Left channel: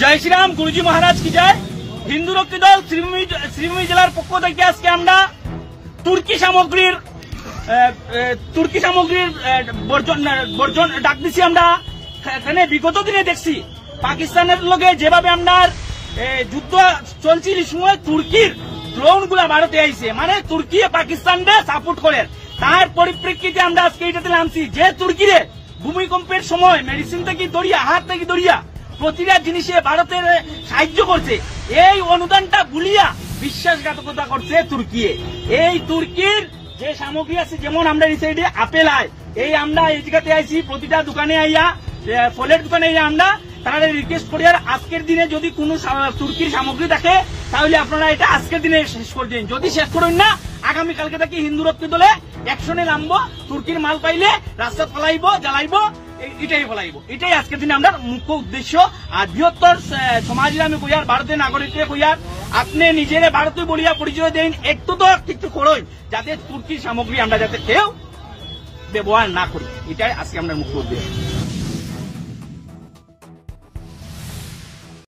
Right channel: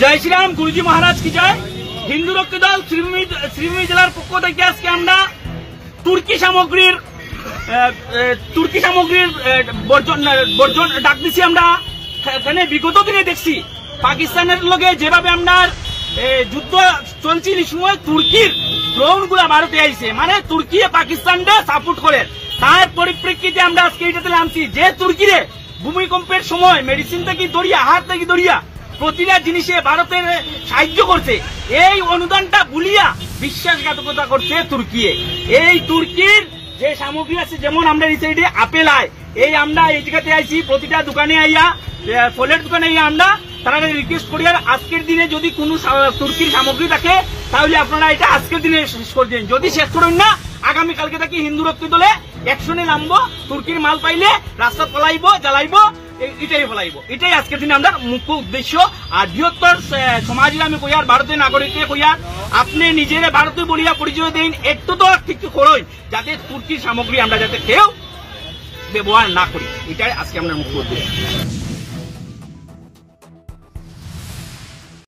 জয় শ্রীরাম, গুরুজি মহারাজ কি জয়। হিন্দু রক্ষী দল শ্রীভূমি জেলার পক্ষ থেকে আজকে আমরা তুর্কি সামগ্রীর বর্জন ডাক দিছি। আমরা এখানে বিগত দিনে দেখছি পাকিস্তানের লগে যেভাবে আমরা যুদ্ধ চলছিল সময় তুর্কির ড্রোন গুলা ভারতে আইছে, মানে তুর্কি পাকিস্তানকে সাপোর্ট করে। তার পরিপ্রেক্ষিতে আমরা আজকে এটাতে নামছি যে তুর্কিরে ভূমিকম্পের সময় মেডিসিন থেকে দরিয়া, হাত থেকে দরিয়া প্রতিটা জিনিসে ভারতের সাহায্য করছে। এই অনুদানটা ভুলিয়া বিশ্বাসঘাতকতা করছে তুর্কি। এই তুর্কির যে সামগ্রী আছে, যেমন আমরা এই সাইডে আপেল আয়, এই আমরা এই জায়গাতে আইছি প্রতিটা দোকানে আইয়া, ফলের দোকানে আইয়া আমরা তারা রিকোয়েস্ট করি আর আজকের দিনে যদি কোনো তুর্কির সামগ্রী থাকে তাহলে আপনারা এটা আজকের দিনে শেষ করে দিন। যদি শেষ করেন না, আগামীকালকে থেকে হিন্দু রক্ষী দলে অ্যাকশনে নামবো। তুর্কির মাল পাইলে রাস্তা ফলাইবো, জ্বালাইবো, এটাই ফলাইবো। এটাই আজকের দিনে আমরা মুখ্য উদ্দেশ্য। আর বৃহত্তর সমাজে আমি কইয়ার, ভারতীয় নাগরিককে কইয়ার, আপনি নিজের ভারতীয় বলিয়া পরিচয় দেন, একটু তো কিছু করুন যাতে তুর্কির সামগ্রী আমরা যাতে কেউ ব্যবহার না করি। এটাই আজকে আমরা মুখ্য উদ্দেশ্য।